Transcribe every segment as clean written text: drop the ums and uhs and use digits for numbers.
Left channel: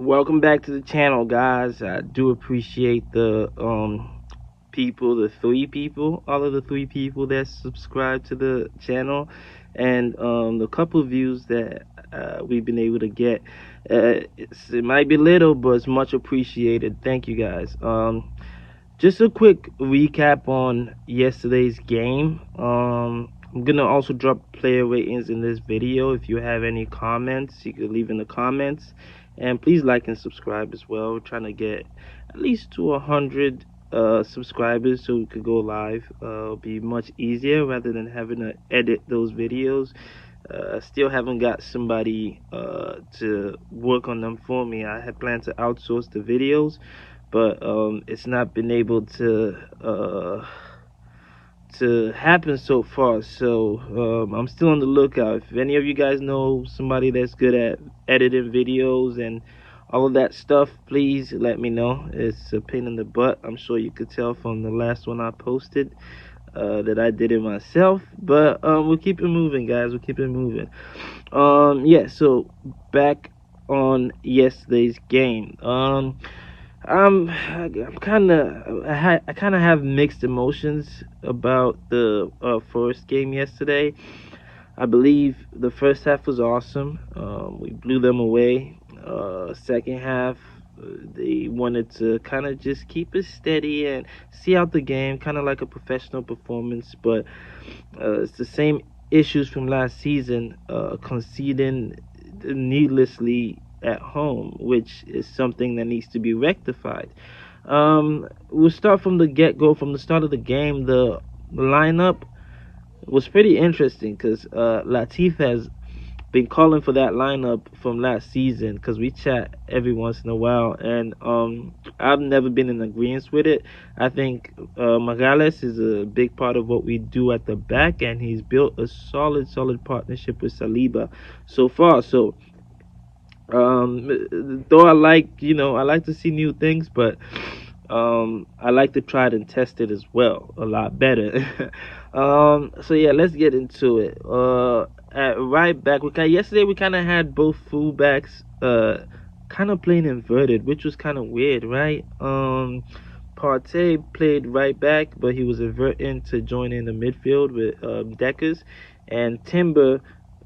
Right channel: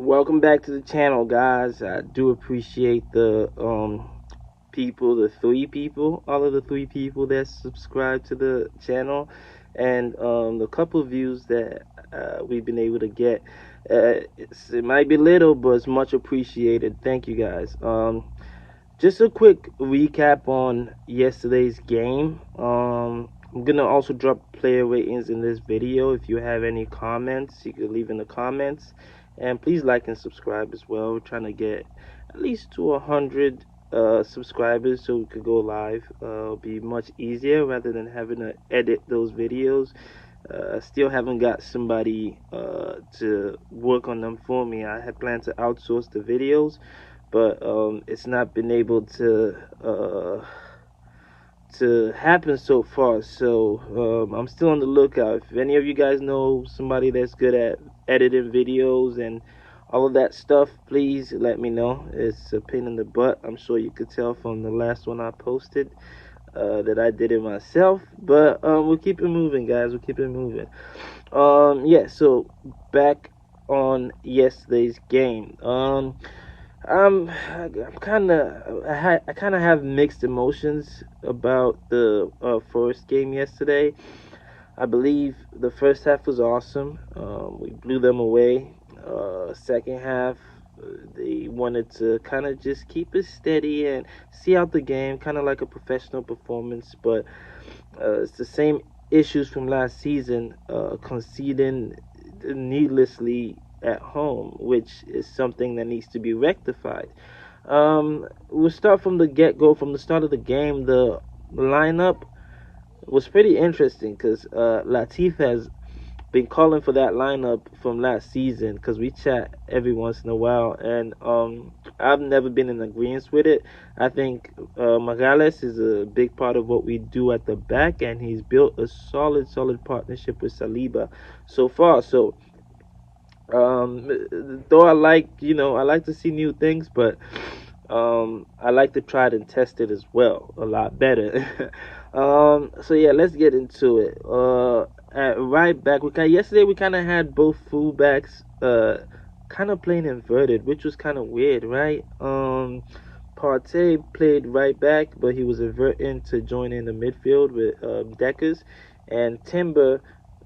Welcome back to the channel, guys. I do appreciate the people, the three people, all of the three people that subscribe to the channel, and the couple views that we've been able to get. It might be little, but it's much appreciated. Thank you, guys. Just a quick recap on yesterday's game. I'm gonna also drop player ratings in this video. If you have any comments, you can leave in the comments, and please like and subscribe as well. We're trying to get at least to 100 subscribers so we could go live. It'll be much easier rather than having to edit those videos. Still haven't got somebody to work on them for me. I had planned to outsource the videos, but it's not been able to happen so far. So I'm still on the lookout. If any of you guys know somebody that's good at editing videos and all of that stuff, please let me know. It's a pain in the butt. I'm sure you could tell from the last one I posted that I did it myself, but we'll keep it moving, guys. We'll keep it moving. Yeah, so back on yesterday's game. I'm kind of I kind of have mixed emotions about the Forest game yesterday. I believe the first half was awesome. We blew them away. Second half, they wanted to kind of just keep it steady and see out the game, kind of like a professional performance. But it's the same issues from last season, conceding needlessly at home, which is something that needs to be rectified. We'll start from the get-go. From the start of the game, the lineup was pretty interesting because Latif has been calling for that lineup from last season, because we chat every once in a while, and I've never been in agreement with it. I think Magales is a big part of what we do at the back, and he's built a solid partnership with Saliba so far. So though I like to see new things, but I like to try it and test it as well a lot better. So yeah, let's get into it. At right back, yesterday we kind of had both fullbacks kind of playing inverted, which was kind of weird, right? Partey played right back, but he was inverting to join in the midfield with Deckers, and Timber,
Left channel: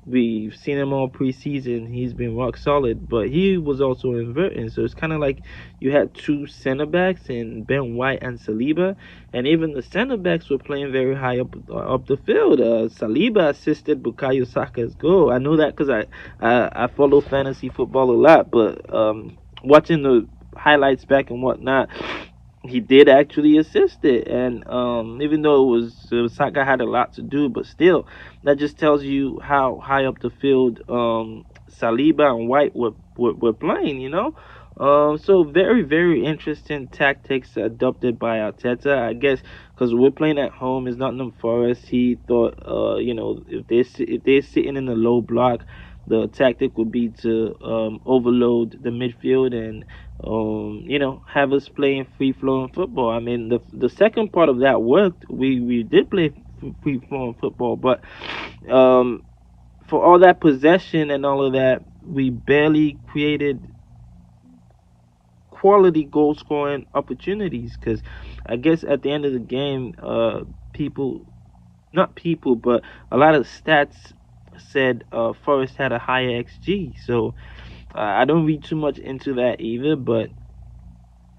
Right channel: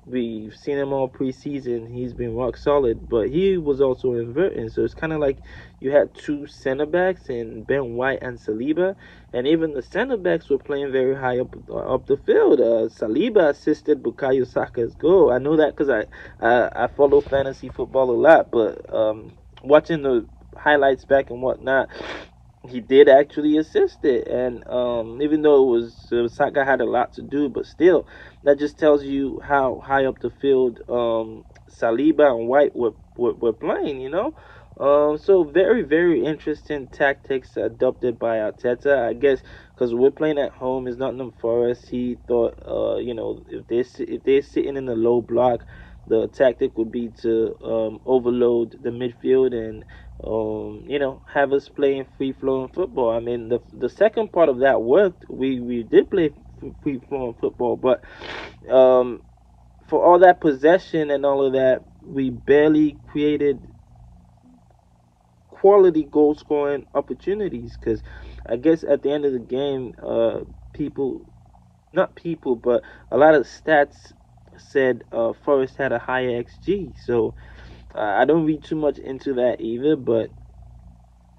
we've seen him all preseason. He's been rock solid, but he was also inverting. So it's kind of like you had two center backs in Ben White and Saliba, and even the center backs were playing very high up the field. Saliba assisted Bukayo Saka's goal. I know that because I follow fantasy football a lot, but watching the highlights back and whatnot, he did actually assist it. And even though it was Saka had a lot to do, but still, that just tells you how high up the field Saliba and White were playing, so very interesting tactics adopted by Arteta, I guess, because we're playing at home. Is Nottingham Forest. He thought if they're sitting in a low block, the tactic would be to overload the midfield and have us playing free flowing football. I mean, the second part of that worked. We did play free flowing football, but um, for all that possession and all of that, we barely created quality goal scoring opportunities. Because I guess at the end of the game, not people, but a lot of stats said Forest had a higher XG. So I don't read too much into that either, but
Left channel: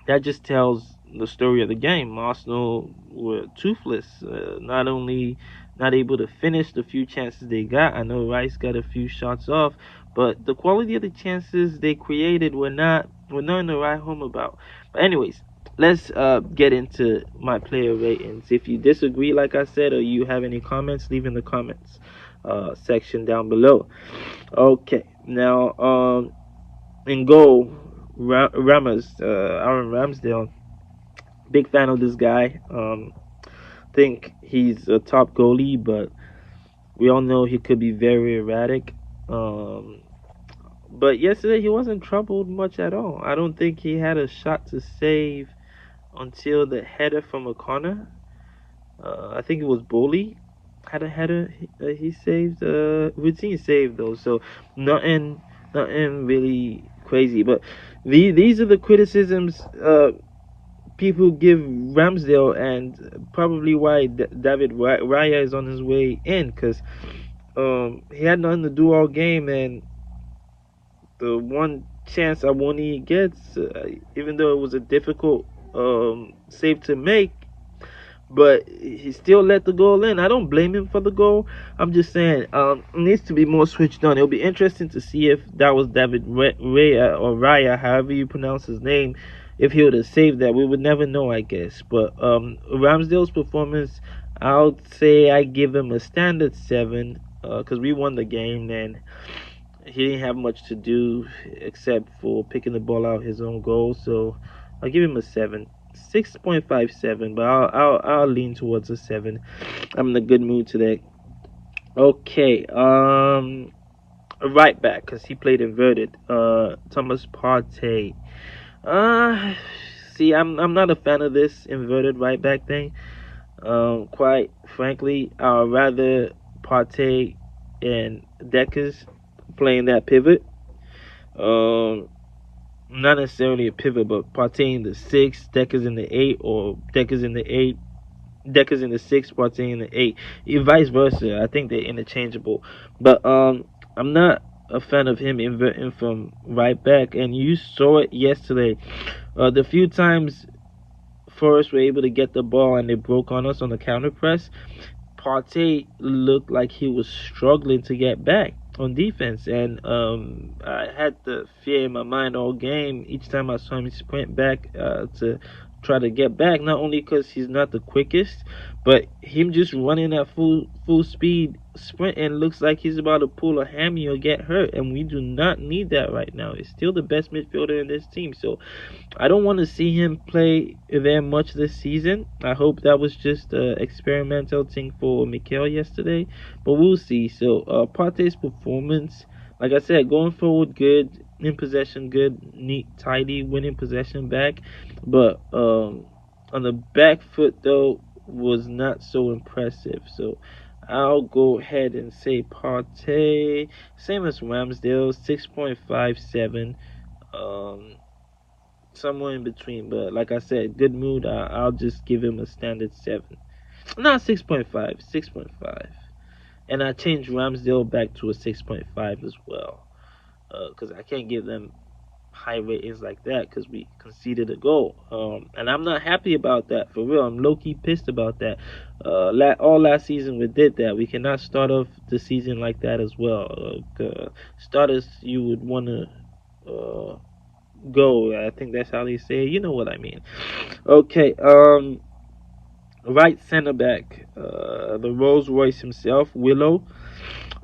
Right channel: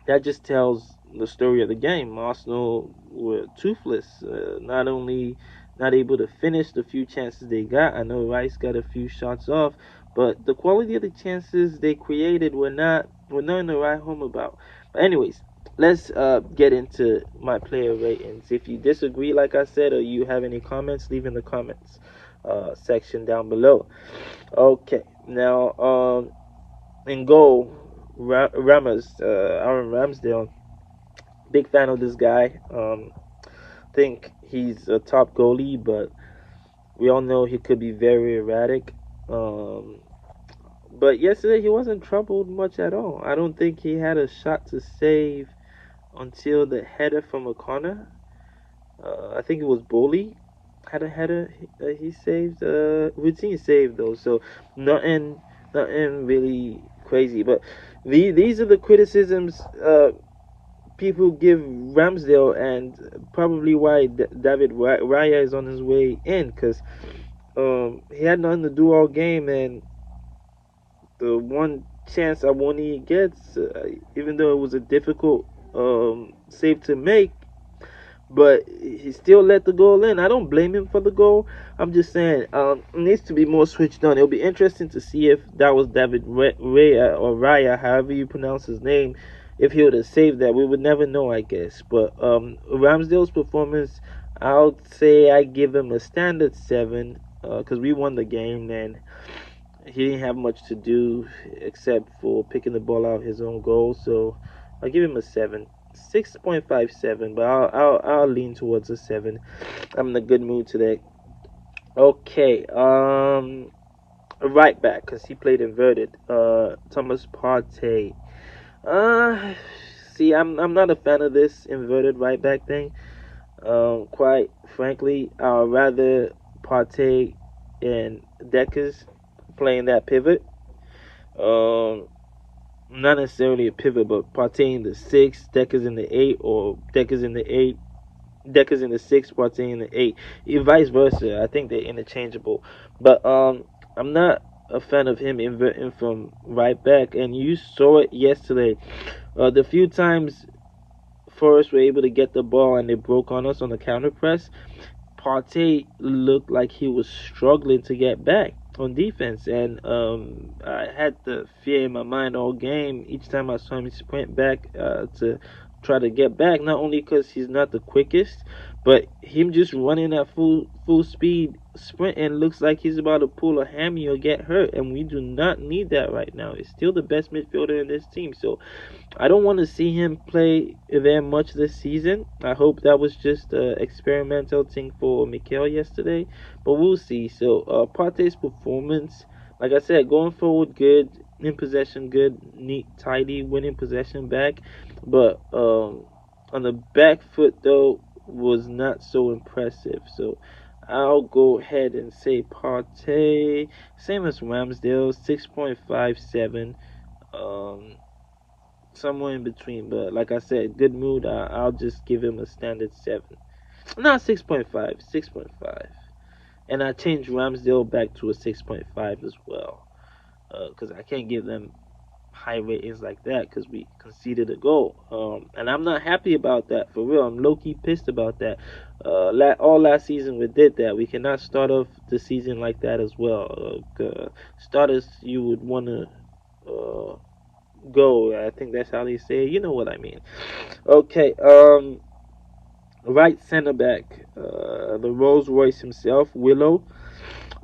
that just tells the story of the game. Arsenal were toothless, not only not able to finish the few chances they got. I know Rice got a few shots off, but the quality of the chances they created were nothing to write home about. But anyways, let's get into my player ratings. If you disagree, like I said, or you have any comments, leave in the comments section down below. Okay, now in goal, Ramos, Aaron Ramsdale. Big fan of this guy. Think he's a top goalie, but we all know he could be very erratic. Um, but yesterday he wasn't troubled much at all. I don't think he had a shot to save until the header from a corner. I think it was Bowley had a header he saved. Routine saved though, so nothing really crazy. But these are the criticisms people give Ramsdale, and probably why David Raya is on his way in, because he had nothing to do all game, and the one chance Awoni gets, even though it was a difficult save to make, but he still let the goal in. I don't blame him for the goal. I'm just saying it needs to be more switched on. It'll be interesting to see if that was David Raya or Raya, however you pronounce his name. If he would have saved that, we would never know, I guess. But Ramsdale's performance, I'll say I give him a standard 7 because we won the game, and he didn't have much to do except for picking the ball out his own goal. So I'll give him a 7. 6.57, but I'll lean towards a 7. I'm in a good mood today. Okay, right back, because he played inverted. Thomas Partey. Uh See, I'm not a fan of this inverted right back thing. Quite frankly, I'd rather Partey and Deckers playing that pivot. Um, Not necessarily a pivot, but Partey in the 6, Deckers in the 8, or Deckers in the 8, Deckers in the 6, Partey in the 8, vice versa. I think they're interchangeable. But I'm not a fan of him inverting from right back, and you saw it yesterday. The few times Forest were able to get the ball and they broke on us on the counter press, Partey looked like he was struggling to get back on defense, and I had the fear in my mind all game. Each time I saw him sprint back to try to get back, not only because he's not the quickest, but him just running at full speed sprinting looks like he's about to pull a hammy or get hurt, and we do not need that right now. He's still the best midfielder in this team, so I don't want to see him play there much this season. I hope that was just an experimental thing for Mikel yesterday, but we'll see. So Partey's performance, like I said, going forward, good. In possession, good, neat, tidy, winning possession back. But on the back foot, though, was not so impressive. So I'll go ahead and say Partey, same as Ramsdale, 6.57. Um, Somewhere in between. But like I said, good mood. I'll just give him a standard 7. Not 6.5, 6.5. And I changed Ramsdale back to a 6.5 as well. Because I can't give them high ratings like that because we conceded a goal. And I'm not happy about that, for real. I'm low key pissed about that. All last season we did that. We cannot start off the season like that as well. Starters, you would want to go. I think that's how they say it. You know what I mean. Okay, right center back, the Rolls Royce himself, Willow.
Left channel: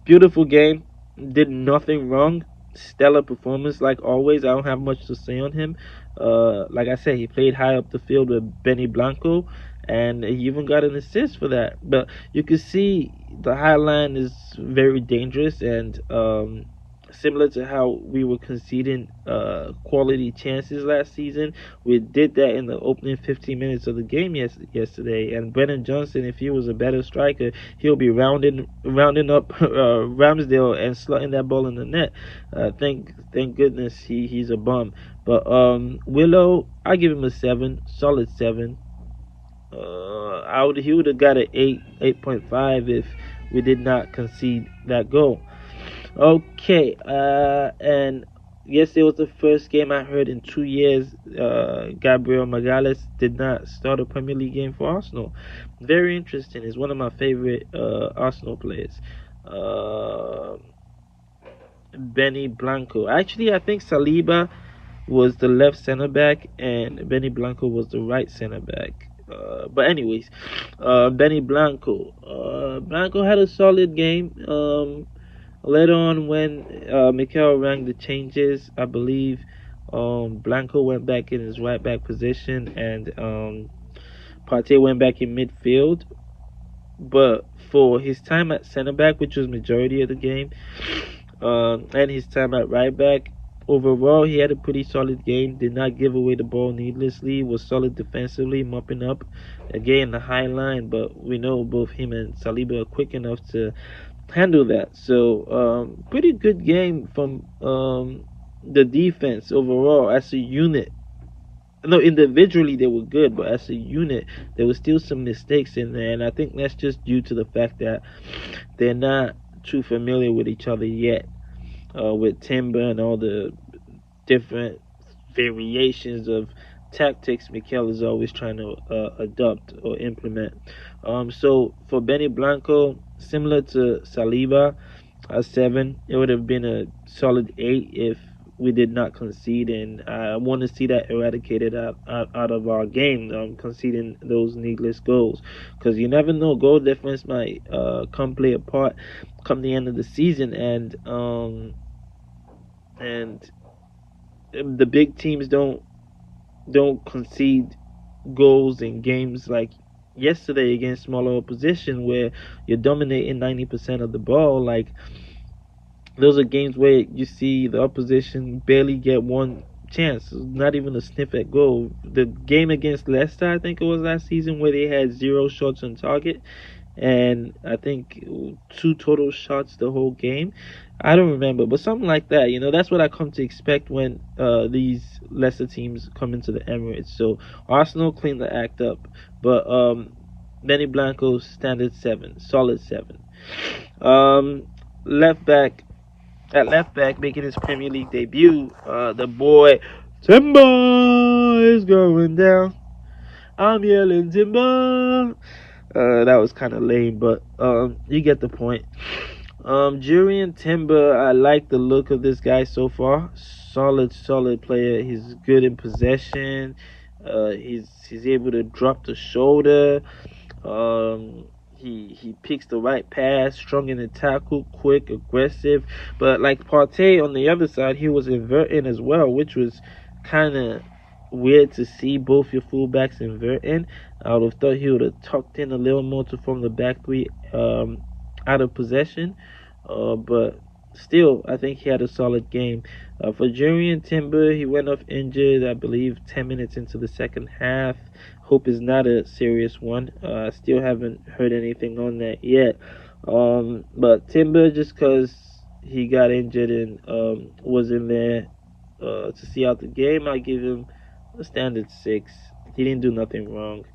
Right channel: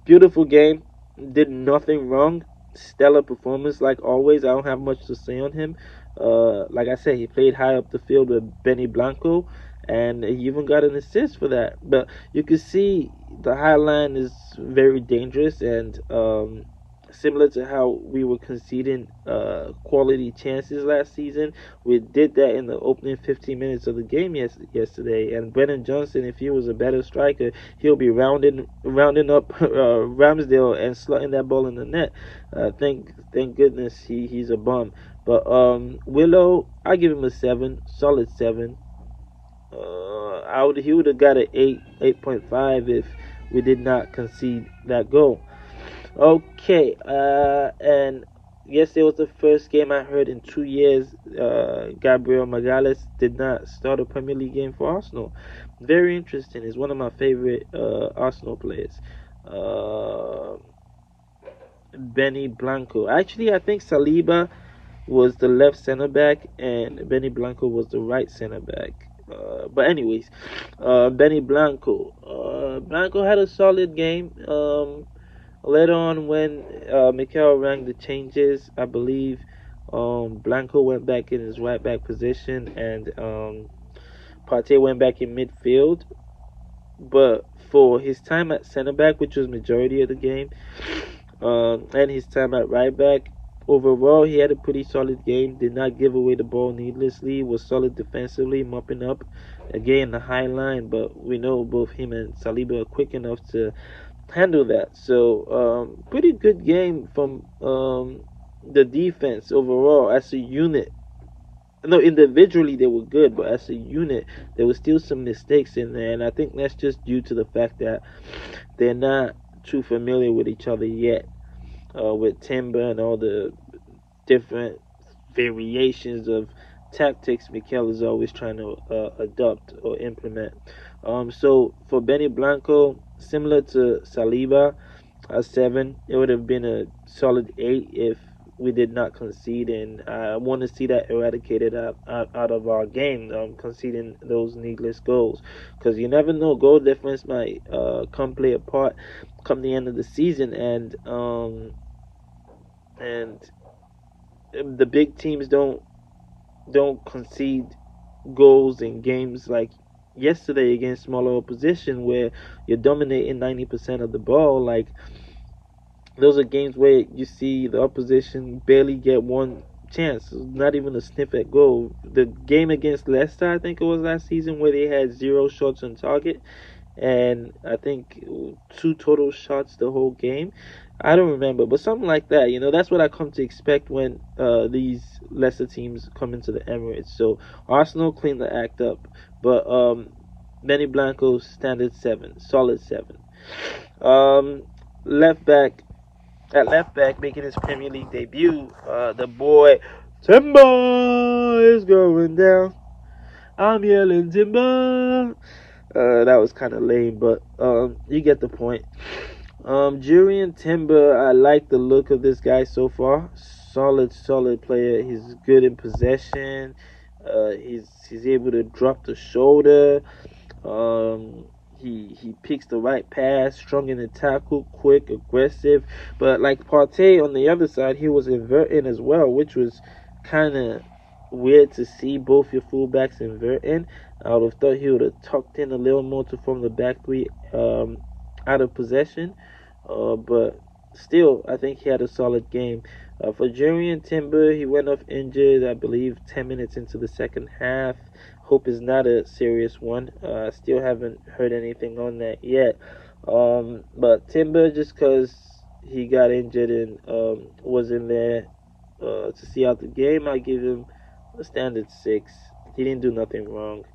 Beautiful game. Did nothing wrong. Stellar performance like always. I don't have much to say on him. Like I said, he played high up the field with Benny Blanco, and he even got an assist for that. But you can see the high line is very dangerous, and similar to how we were conceding quality chances last season, we did that in the opening 15 minutes of the game yesterday. And Brennan Johnson, if he was a better striker, he'll be rounding up Ramsdale and slotting that ball in the net. Thank goodness he's a bum. But Willow, I give him a 7, solid 7. He would have got an 8.5 if we did not concede that goal. Okay, and yesterday was the first game I heard in 2 years. Gabriel Magalhaes did not start a Premier League game for Arsenal. Very interesting. He's one of my favorite Arsenal players. Benny Blanco. Actually, I think Saliba was the left center back and Benny Blanco was the right center back. But anyways, Benny Blanco. Blanco had a solid game. Later on, when Mikel rang the changes, I believe Blanco went back in his right back position, and Partey went back in midfield. But for his time at center back, which was majority of the game, and his time at right back, overall he had a pretty solid game. Did not give away the ball needlessly. Was solid defensively, mopping up again the high line. But we know both him and Saliba are quick enough to handle that. So pretty good game from the defense overall as a unit. No, individually they were good, but as a unit, there was still some mistakes in there, and I think that's just due to the fact that they're not too familiar with each other yet. With Timber and all the different variations of tactics Mikel is always trying to adopt or implement. So for Benny Blanco, similar to Saliba, a 7, it would have been a solid 8 if we did not concede, and I want to see that eradicated out of our game, conceding those needless goals, because you never know, goal difference might come play a part come the end of the season, and the big teams don't concede goals in games like yesterday against smaller opposition where you're dominating 90% of the ball. Like, those are games where you see the opposition barely get one chance, not even a sniff at goal. The game against Leicester, I think it was last season, where they had 0 shots on target, and I think 2 total shots the whole game. I don't remember, but something like that. That's what I come to expect when these lesser teams come into the Emirates. So Arsenal cleaned the act up, but Benny Blanco's standard 7, solid 7. Um, left back at left back, making his Premier League debut, the boy Timber is going down. I'm yelling Timber. That was kind of lame, but you get the point. Julian Timber, I like the look of this guy so far. Solid player. He's good in possession. He's able to drop the shoulder. Um, he picks the right pass, strong in the tackle, quick, aggressive. But like Partey on the other side, he was inverting as well, which was kind of weird to see both your fullbacks inverting. I would have thought he would have tucked in a little more to form the back three out of possession. But still, I think he had a solid game. For Jurian Timber, he went off injured, I believe, 10 minutes into the second half. Hope is not a serious one. I still haven't heard anything on that yet. But Timber, just because he got injured and was in there to see out the game, I give him a standard 6. He didn't do nothing wrong,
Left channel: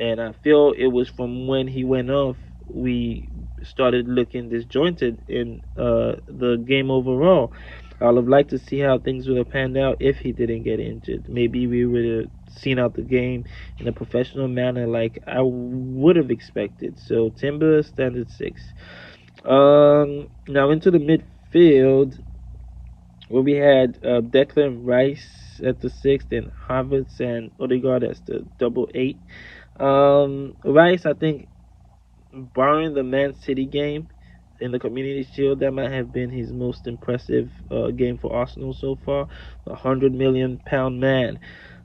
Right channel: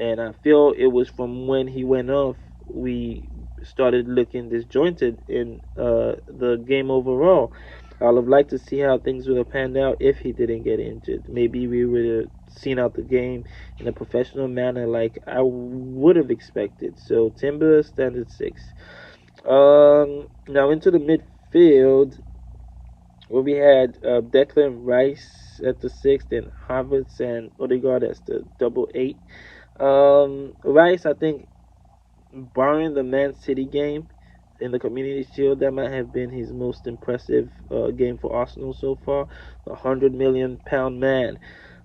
and I feel it was from when he went off we started looking disjointed in the game overall. I would have liked to see how things would have panned out if he didn't get injured. Maybe we would have seen out the game in a professional manner like I would have expected. So Timber standard 6. Now into the midfield where we had Declan Rice at the 6th and Havertz and Odegaard as the double 8. Rice, I think, barring the Man City game in the Community Shield, that might have been his most impressive game for Arsenal so far. £100 million man,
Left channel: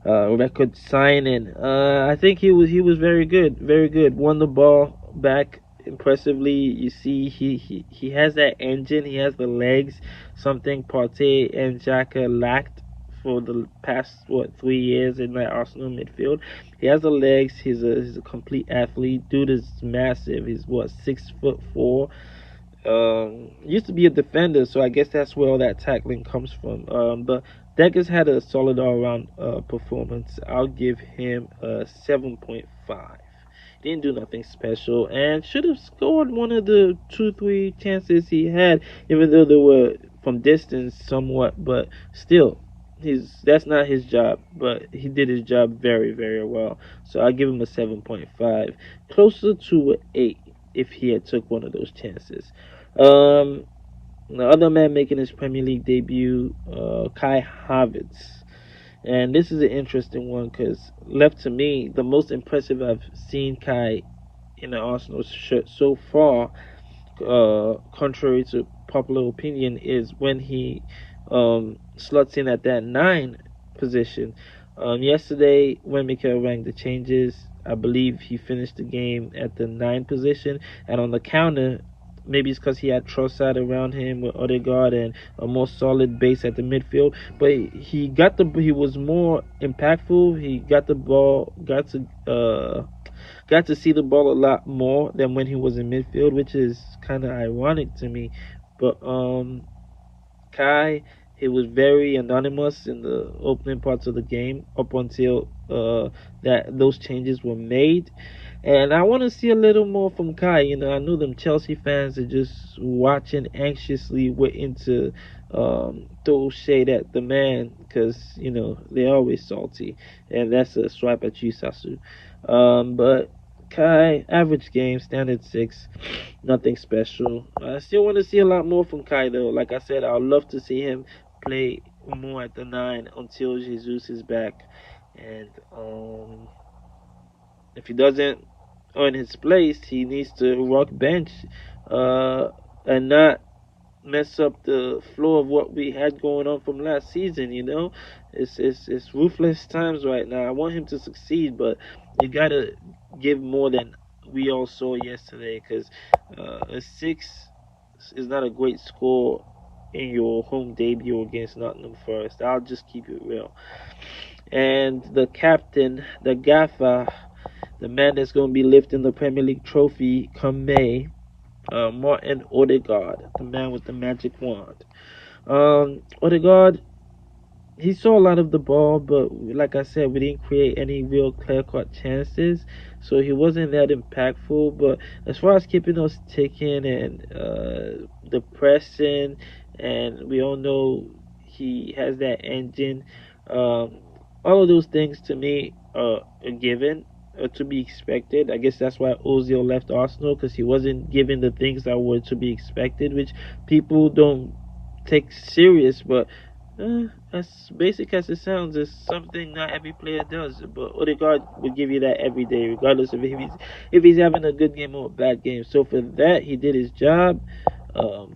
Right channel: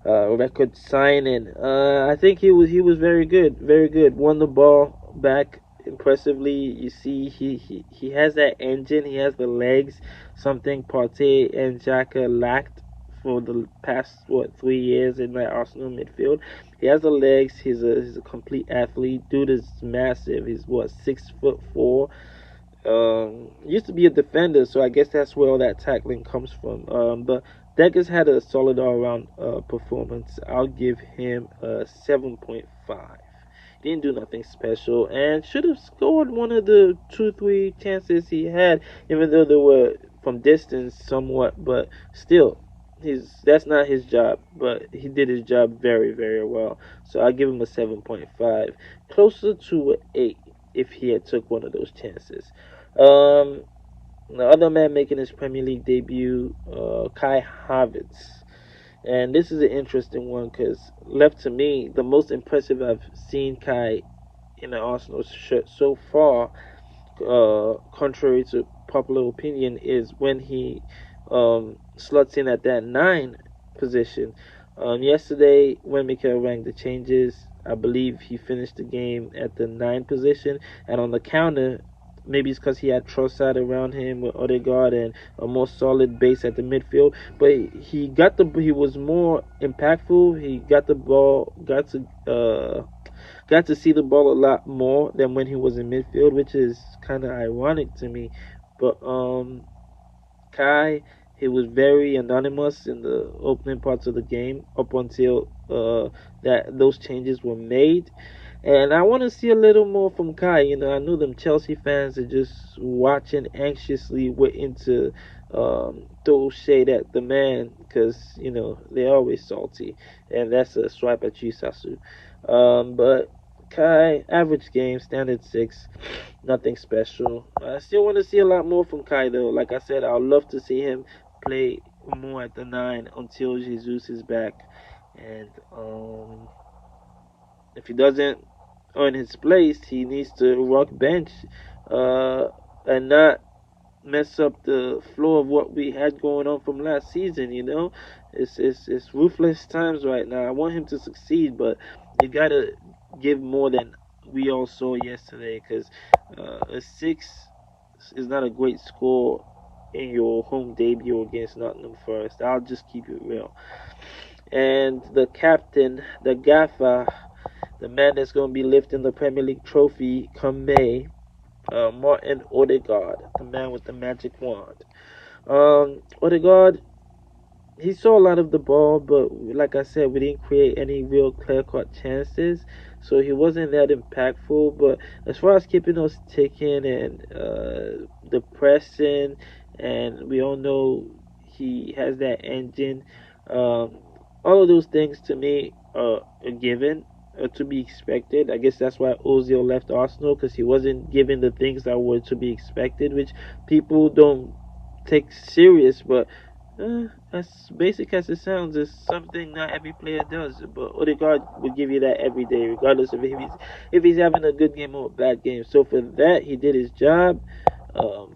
record signing. I think he was very good, very good. Won the ball back impressively. You see, he has that engine. He has the legs. Something Partey and Xhaka lacked for the past 3 years in that Arsenal midfield. He has the legs. He's a complete athlete. Dude is massive. He's 6'4". Used to be a defender, so I guess that's where all that tackling comes from. But Deckers had a solid all-around performance. I'll give him a 7.5. Didn't do nothing special and should have scored one of the 2-3 chances he had, even though they were from distance somewhat. But still, that's not his job, but he did his job very well. So I give him a 7.5, closer to an 8 if he had took one of those chances. The other man making his Premier League debut, Kai Havertz. And this is an interesting one because, left to me, the most impressive I've seen Kai in an Arsenal shirt so far, contrary to popular opinion, is when he slots in at that 9 position. Yesterday, when Mikel rang the changes, I believe he finished the game at the 9 position, and on the counter, maybe it's because he had Trossard around him with Odegaard and a more solid base at the midfield. But he was more impactful. He got the ball, got to see the ball a lot more than when he was in midfield, which is kind of ironic to me. But Kai, He was very anonymous in the opening parts of the game up until that those changes were made. And I want to see a little more from Kai. I know them Chelsea fans are just watching anxiously, waiting to throw shade at the man because they're always salty, and that's a swipe at you, Sasu. But Kai, average game, standard six, nothing special. I still want to see a lot more from Kai though. Like I said, I'd love to see him play more at the nine until Jesus is back, and if he doesn't earn his place, he needs to rock bench, and not mess up the flow of what we had going on from last season. It's ruthless times right now. I want him to succeed, but you gotta give more than we all saw yesterday, because a six is not a great score in your home debut against Nottingham Forest. I'll just keep it real. And the captain, the gaffer, the man that's going to be lifting the Premier League trophy come May, Martin Odegaard, the man with the magic wand. Odegaard, he saw a lot of the ball, but like I said, we didn't create any real clear-cut chances, so he wasn't that impactful. But as far as keeping us ticking and the pressing, and we all know he has that engine, um, all of those things to me are a given. To be expected. I guess that's why Ozil left Arsenal, because he wasn't given the things that were to be expected, which people don't take serious. But as basic as it sounds, it's something not every player does. But Odegaard will give you that every day, regardless of if he's having a good game or a bad game. So for that, he did his job.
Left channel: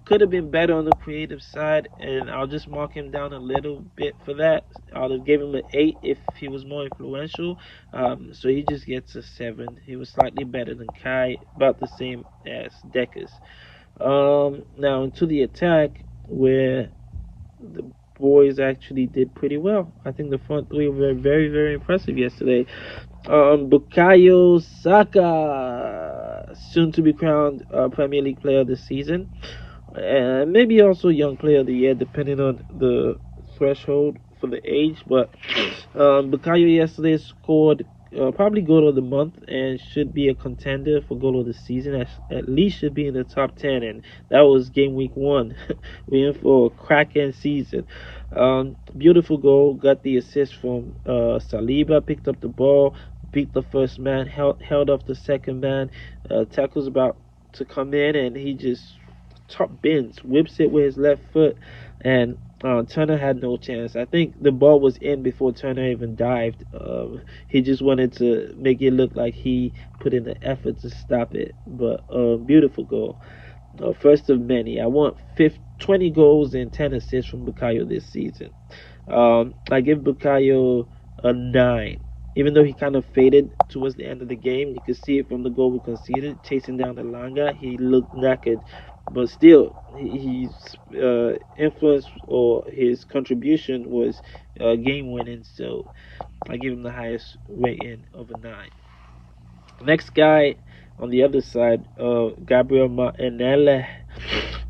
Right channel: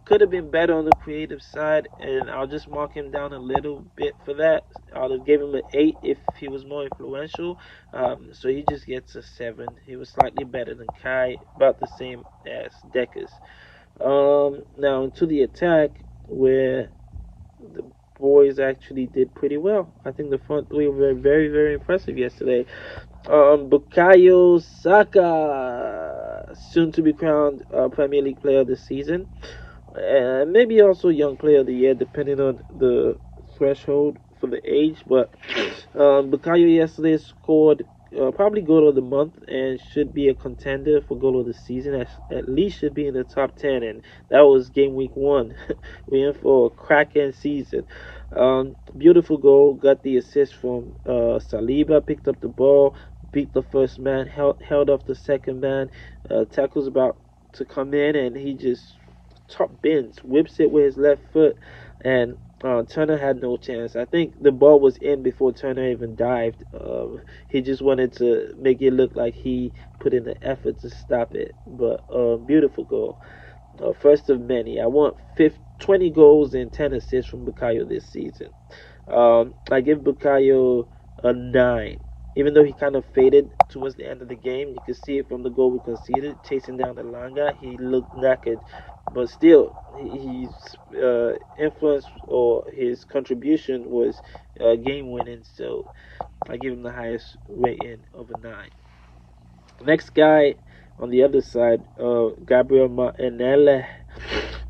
Could have been better on the creative side, and I'll just mark him down a little bit for that. I'll have gave him an 8 if he was more influential. So he just gets a 7. He was slightly better than Kai, about the same as Deckers. Now into the attack, where the boys actually did pretty well. I think the front three were very, very impressive yesterday. Bukayo Saka, soon to be crowned Premier League Player of the Season, and maybe also Young Player of the Year, depending on the threshold for the age. But Bukayo yesterday scored probably goal of the month and should be a contender for goal of the season. At least should be in the top 10, and that was game week 1. We're in for a cracking season. Beautiful goal. Got the assist from Saliba. Picked up the ball, beat the first man, held off the second man. Tackle's about to come in, and he just top bends, whips it with his left foot, and Turner had no chance. I think the ball was in before Turner even dived. He just wanted to make it look like he put in the effort to stop it. But beautiful goal. First of many. I want 20 goals and 10 assists from Bukayo this season. I give Bukayo a 9. Even though he kind of faded towards the end of the game, you could see it from the goal we conceded, chasing down the Langa. He looked knackered, but still, his influence or his contribution was game winning. So I give him the highest rating of a 9. Next guy on the other side, Gabriel Martinelli,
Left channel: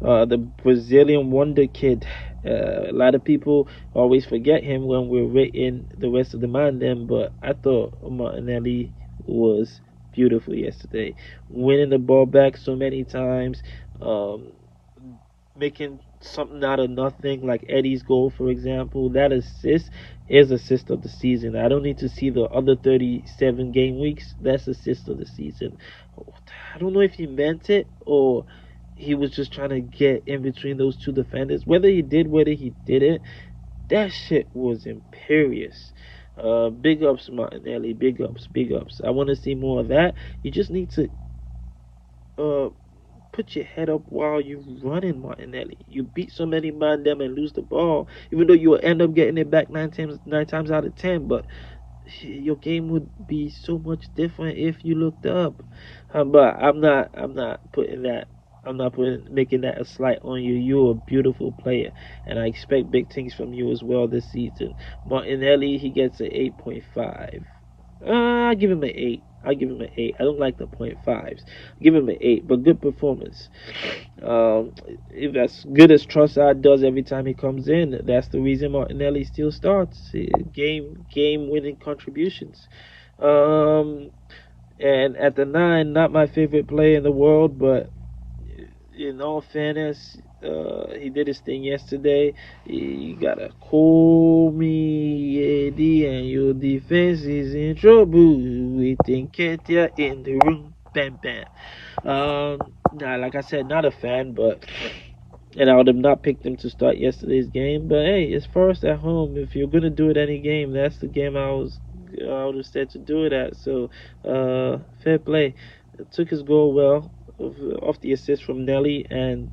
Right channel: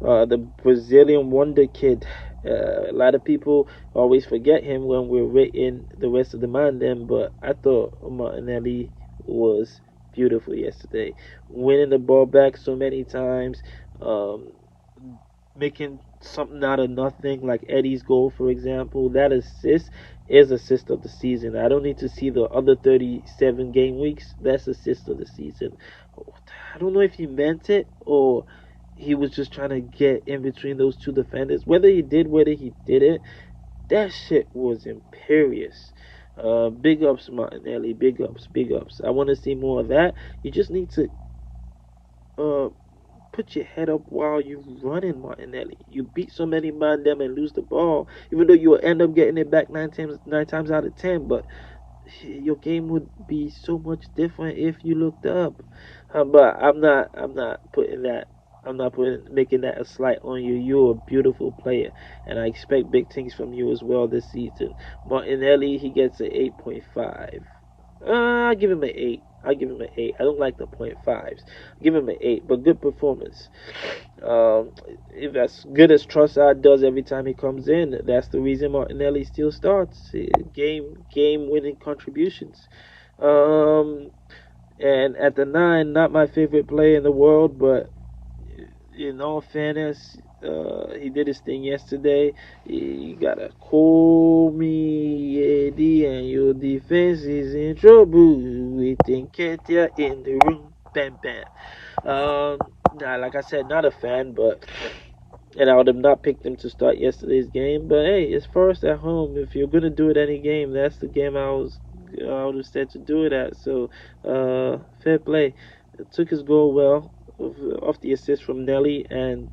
the Brazilian wonder kid. A lot of people always forget him when we're rating the rest of the Mandem, but I thought Martinelli was beautiful yesterday, winning the ball back so many times, um, making something out of nothing, like Eddie's goal, for example. That assist is assist of the season. I don't need to see the other 37 game weeks. That's assist of the season. I don't know if he meant it or he was just trying to get in between those two defenders. Whether he did, whether he didn't, that shit was imperious. Big ups, Martinelli. Big ups, big ups. I want to see more of that. You just need to uh, put your head up while you're running, Martinelli. You beat so many man them and lose the ball, even though you will end up getting it back nine times out of 10. But your game would be so much different if you looked up. But I'm not putting that. I'm not making that a slight on you. You're a beautiful player, and I expect big things from you as well this season. Martinelli, he gets an 8.5. I give him an 8. I give him an 8. I don't like the .5s. Give him an 8, but good performance. If as good as Trossard does every time he comes in, that's the reason Martinelli still starts. Game winning contributions. Um, and at the 9, not my favorite player in the world, but in all fairness, he did his thing yesterday. You gotta call me Eddie, and your defense is in trouble. We think Ketia in the room, bam bam. Nah, like I said, not a fan, but and I would have not picked him to start yesterday's game. But hey, it's Forest at home. If you're gonna do it any game, that's the game I would have said to do it at. So, fair play. Took his goal well off the assist from Nelly, and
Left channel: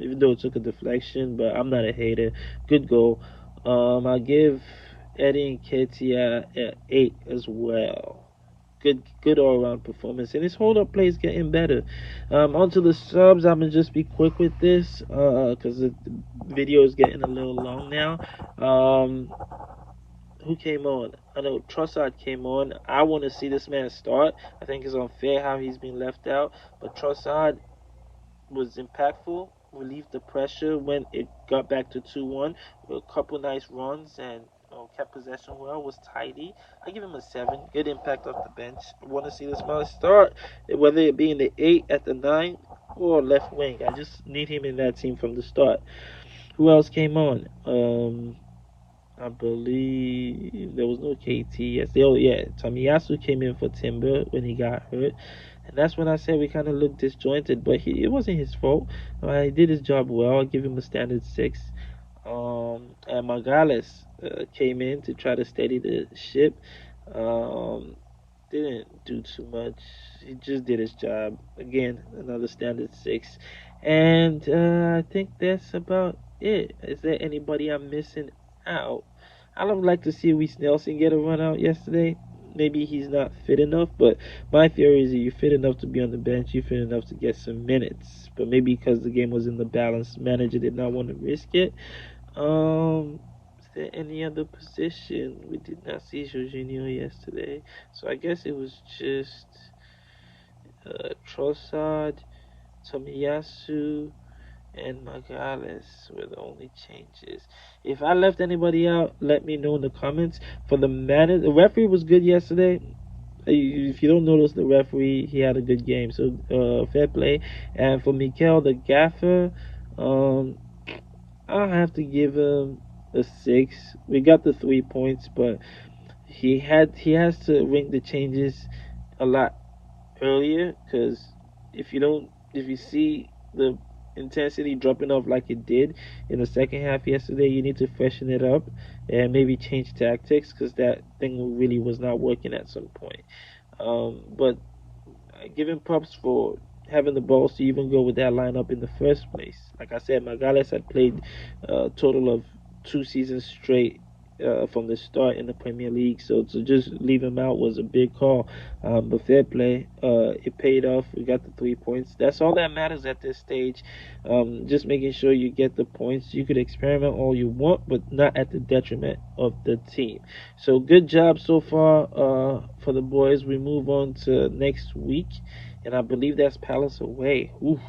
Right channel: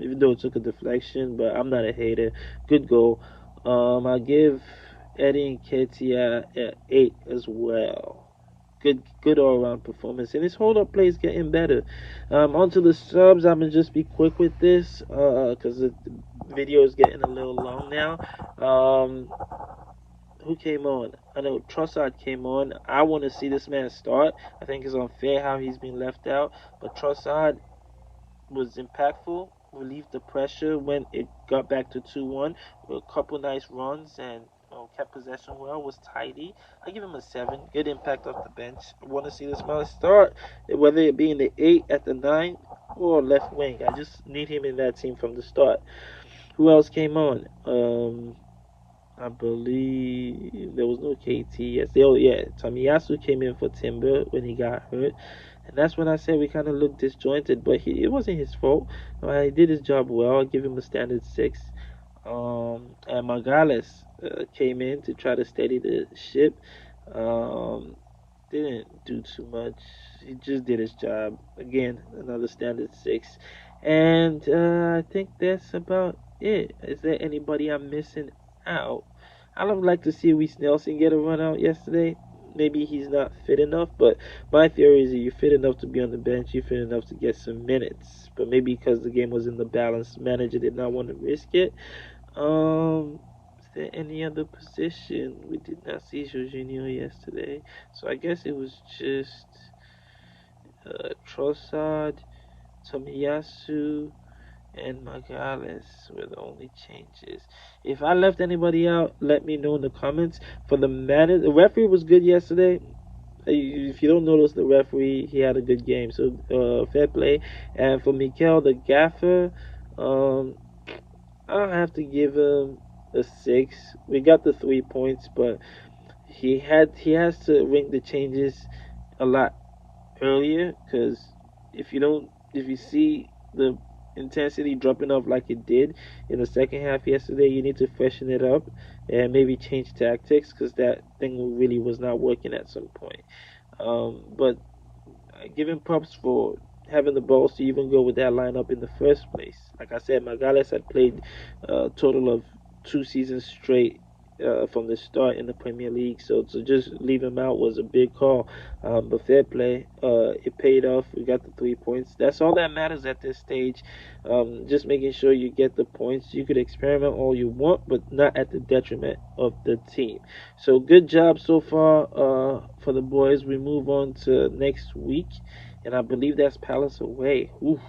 even though it took a deflection, but I'm not a hater. Good goal. I give Eddie and Ketia an 8 as well. Good all around performance, and his hold up play is getting better. Onto the subs, I'm gonna just be quick with this because the video is getting a little long now. Who came on? I know Trossard came on. I want to see this man start. I think it's unfair how he's been left out, but Trossard was impactful, relieved the pressure when it got back to 2-1 with a couple nice runs and kept possession well, was tidy. I give him a 7. Good impact off the bench. I want to see this man start, whether it be in the 8, at the 9, or left wing. I just need him in that team from the start. Who else came on? I believe there was no KT yesterday. Oh yeah, Tomiyasu came in for Timber when he got hurt, and that's when I said we kind of looked disjointed. But it wasn't his fault. He did his job well. I'll give him a standard 6. And Magales came in to try to steady the ship. Um, didn't do too much. He just did his job. Again, another standard 6. And I think that's about it. Is there anybody I'm missing out? I would like to see Reese Nelson get a run out yesterday. Maybe he's not fit enough, but my theory is that you're fit enough to be on the bench, you're fit enough to get some minutes. But maybe because the game was in the balance, manager did not want to risk it. Is there any other position? We did not see Jorginho yesterday, so I guess it was just Trossard, Tomiyasu, and Magales were the only changes. If I left anybody out, let me know in the comments. For the manager, the referee was good yesterday. If you don't notice the referee, he had a good game, so fair play. And for Mikel, the gaffer, I'll have to give him a 6. We got the 3 points, but he has to ring the changes a lot earlier, because if you see the intensity dropping off like it did in the second half yesterday, you need to freshen it up and maybe change tactics, because that thing really was not working at some point. But give him props for having the balls to even go with that lineup in the first place. Like I said, Magales had played a total of 2 seasons straight from the start in the Premier League, so to just leave him out was a big call. But fair play, it paid off. We got the 3 points. That's all that matters at this stage. Just making sure you get the points. You could experiment all you want, but not at the detriment of the team. So good job so far for the boys. We move on to next week, and I believe that's Palace away. Oof.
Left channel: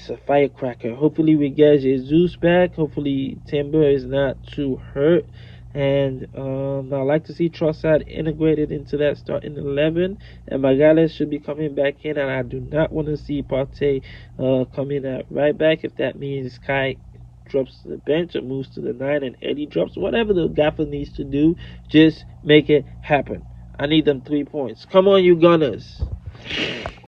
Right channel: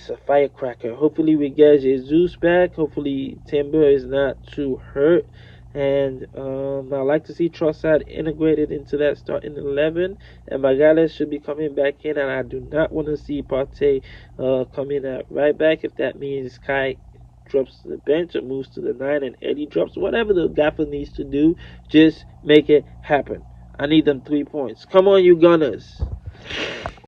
It's a firecracker. Hopefully we get Jesus back. Hopefully Timber is not too hurt. And I like to see Trossard integrated into that starting 11. And Magales should be coming back in. And I do not want to see Partey come in at right back. If that means Kai drops to the bench or moves to the 9 and Eddie drops, whatever the gaffer needs to do, just make it happen. I need them 3 points. Come on, you Gunners.